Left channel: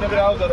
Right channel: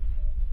सगळे अवजार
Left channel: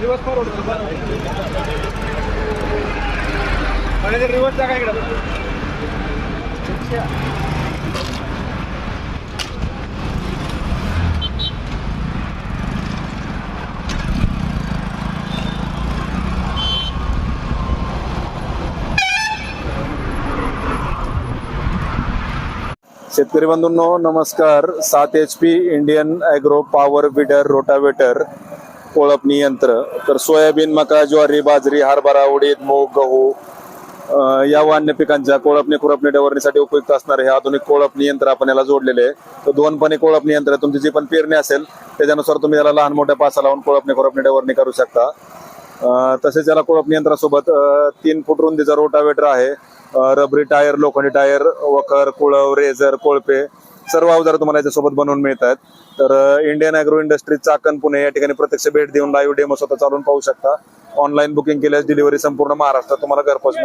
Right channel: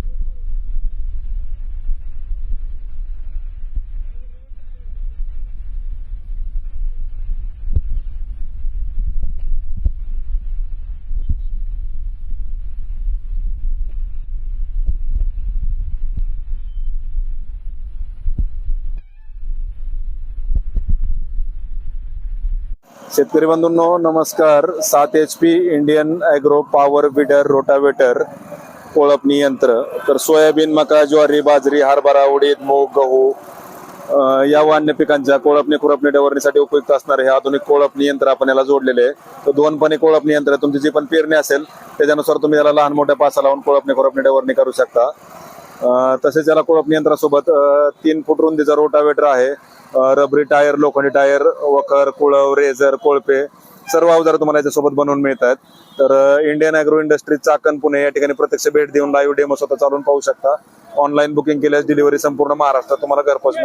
reverse forward reverse काय इकडे शेतकरी बंधूंनो नमस्कार. 7 HP Indian agro power weeder rotavator कोळपणी यंत्र. तर सोयाबीन, मका, ज्वारी, बाजरी, हरभरा, उडीद, मूग, गहू या व अन्य पिकांच्या कोळपणी खुरपणी डवरणीसाठी उपयुक्त असणारे हे आधुनिक कोळपणी यंत्र आपण याला जोडलेले आहे. तर 2 पणे कोळपणी यंत्र तुमची जी पण पेरणी असेल त्याच्यानुसार तुम्ही याला लहान मोठ्या पासा लावून कोळपणी खुरपणी डवरणी करू शकता. तसेच याला कोळपणी यंत्रासोबत 3 फूट रुंदीचा रोटावेटर आहे. रबरी टायर, लोखंडी टायर, वखर, कुळव, रेझर, कोळपे सर्व अवजार तुम्हाला याच्यासोबत बनवून मिळतात. तर Indian agro industry Chakan Pune या ठिकाणी प्रत्यक्ष भेट देऊन लाईव्ह डेमो स्वतः चालून पाहू शकता. ऑनलाईन बुकिंग केल्यास डिलिव्हरी संपूर्ण महाराष्ट्रात तुम्हाला घरपोच मिळेल.